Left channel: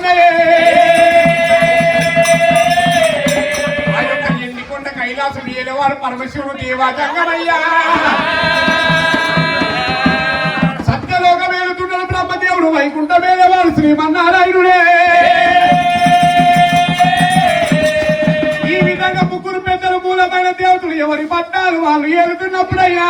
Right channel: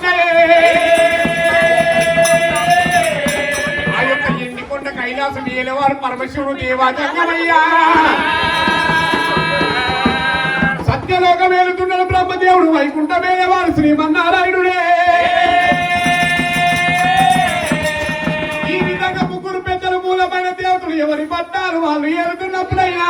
మరి ఆ యొక్క నిండికొండ కైలాసం ఏలవారు పరమశివుడు దేవాజంగమయ్యా. సత్యలోకం వెళుతున్న బ్రహ్మదేవుడు వైకుంఠ వేలేవాడు శ్రీమన్నారాయణుడే ఈ విధంగా ముగ్గురు పెద్దలు మూలమైన దేవతలు ఎవరి పట్టాలు వాళ్ళు ఏలుతున్నప్పుడయ్యా.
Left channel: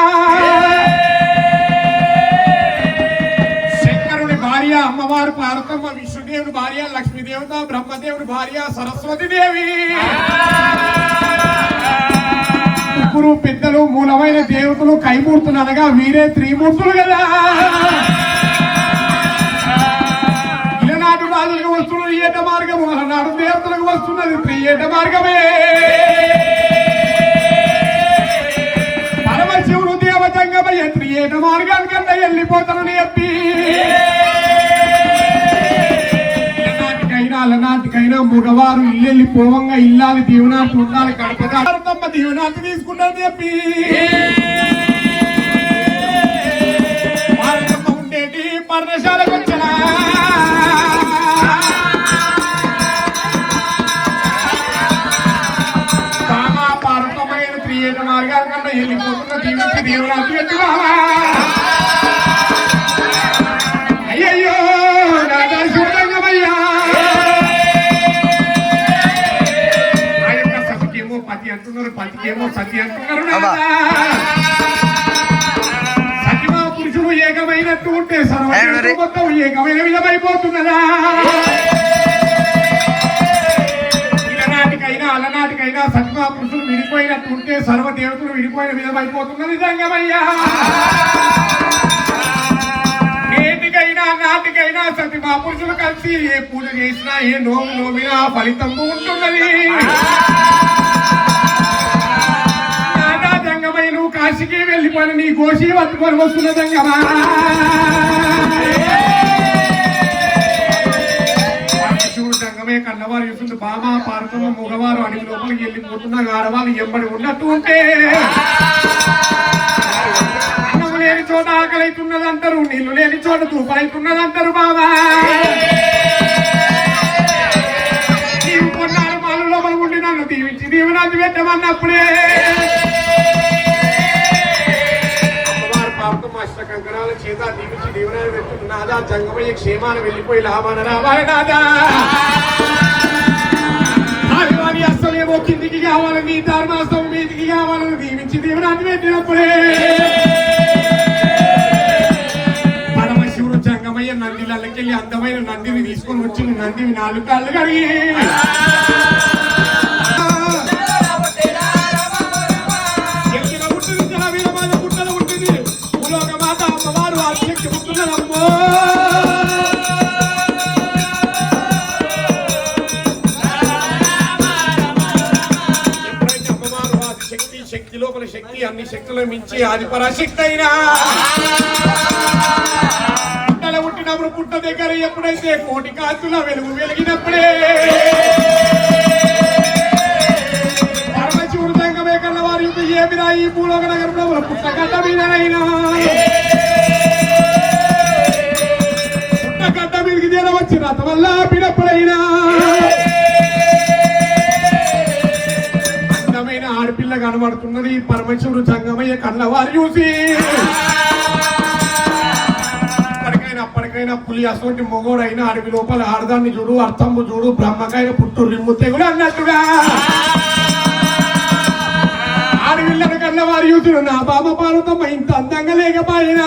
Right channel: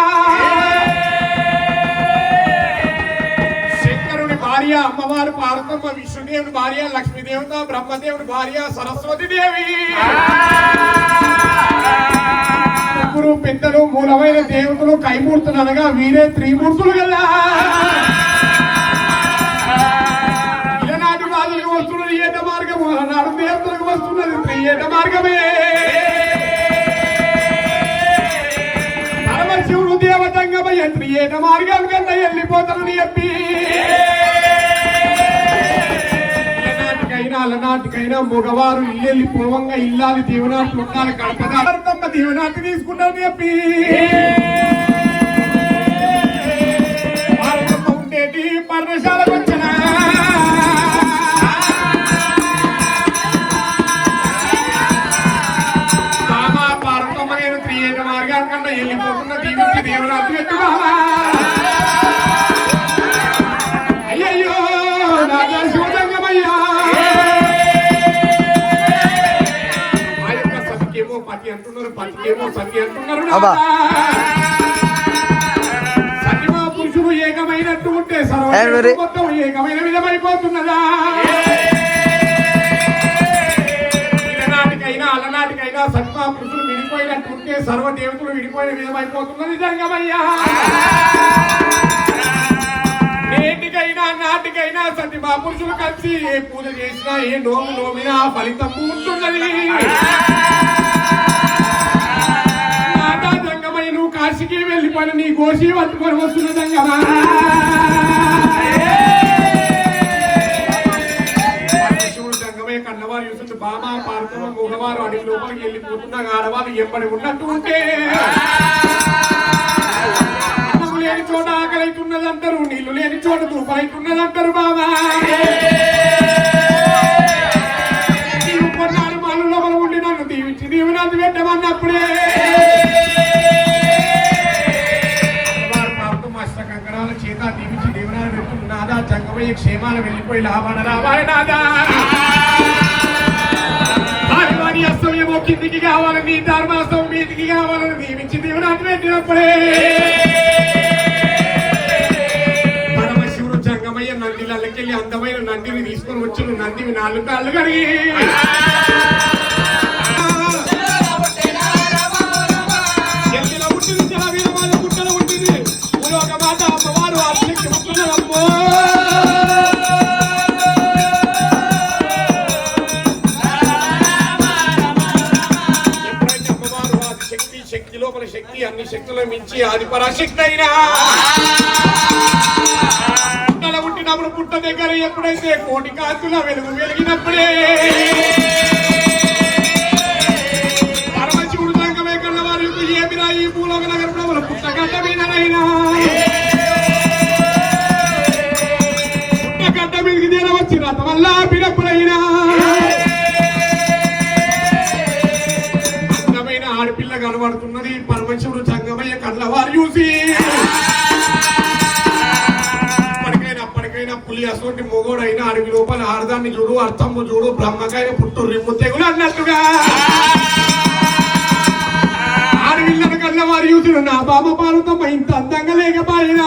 అమ్మవారు పార్వతమ్మ విష్ణుదేవుడు భార్య లక్ష్మీదేవత బ్రహ్మదేవుడు భార్య సరస్వతి దేవి. ముగ్గురు పెద్దలు మూలమైన దేవతలు కైమూర్తులు అనగా వీరే త్రిమూర్తులు కదా. ఇలనాటి రాజులకు వస్తున్నది ఏట మార్గము అలనాడు దేవతలకు వస్తున్నది త్రియేట మార్గమే. అలనాటికైనా మగవారు ఇల్లెళ్ళి పోవంగా ఇల్లాలి దీవనాలు ఉండాలి కడపదారతమ్మ దీవనాలు తీసుకున్నాను చెప్పి పతికేమో సతి అంటున్నారు పురుషుడు ఏకమైనట్టు ఉంటే సర్వ? మొత్తం ఏకమైన విధమైపోతున్నదా ఇలనాటికైనా అలనాటికైనా సత్మా పురుషులు విడిపోయినట్టు ఉంటే సర్వ దేవతలు విడిపోయిన విధమైపోతున్నది జంగమయ్యా నేటికైనా నాటికైనా సత్యమా పురుషులు కలిసి ఏ పూజ చేసినా ఏ నోము నోమినా ఫలితం ఉంటున్నది. నాదా నువ్వు కాశీకి వెళ్ళిపోయిన నీ గోషి పట్టుకొని వస్తున్న కదా. పరమశివుడు కన్నవారు చూస్తుంది బామ పార్వతమ్మ మగవారు అడవి లోపలికి వెళ్ళిపోతున్నా ఆడవాళ్ళు ఎంబడి ఉన్నట్టు ఉంటే. అన్నం లేని చోట ఆకలి అవుతున్నది అంటారు నీళ్ళు లేని చోట తూపలైతున్నది అంటారు బా చంగమయ్య నాదా క్షేమాలు వెళ్ళిపోయి లాభాన అస్తమేమో కిందికి కావాలని ధర్మాస్తం మీదికి కావాలని దీవించి దీవనాన్ని పెట్టినప్పుడే పరమశివుడు జంగమయ్య నందిలకెళ్ళి అందమైన నందిని తీసుకొని వచ్చి నందిని నాలుగు కాళ్ళు కడిగి. శక్తి లోపల శక్తి అన్ని శక్తులను మించి ఆది పరాశక్తి అయినా. పుట్టినప్పుడు పుట్ట దగ్గర ఎప్పుడైతే కోటి కాంతుల వెలుగు వెలిగినప్పుడే. పరమశివుడు సంగమే కన్న వారి యొక్క ఏమిరా ఈ భూలోక నగర ప్రభుల పుట్టగడ్డ మీదనైనా. పుట్టగడ్డ మీదకి తీర రథ వల్ల పిడప్పుడు పరమేశ్వరుడు సంగమయ్య కళ్ళవారు చూసి. అప్పటికైనా అప్పటికైనా పులి అసోటి మొగోడైన అడవి లోపల ఆడదాన్ని చూడు అర్థము చూడు బ్రహ్మకాయ పుట్టు రిమ్ము తెగులు అన్నట్టుగా. ఆడవిళ్ళను కళ్ళవారు చూసిన నా బాబా పాలతో ఇంత అందంగా లేకపోయినా.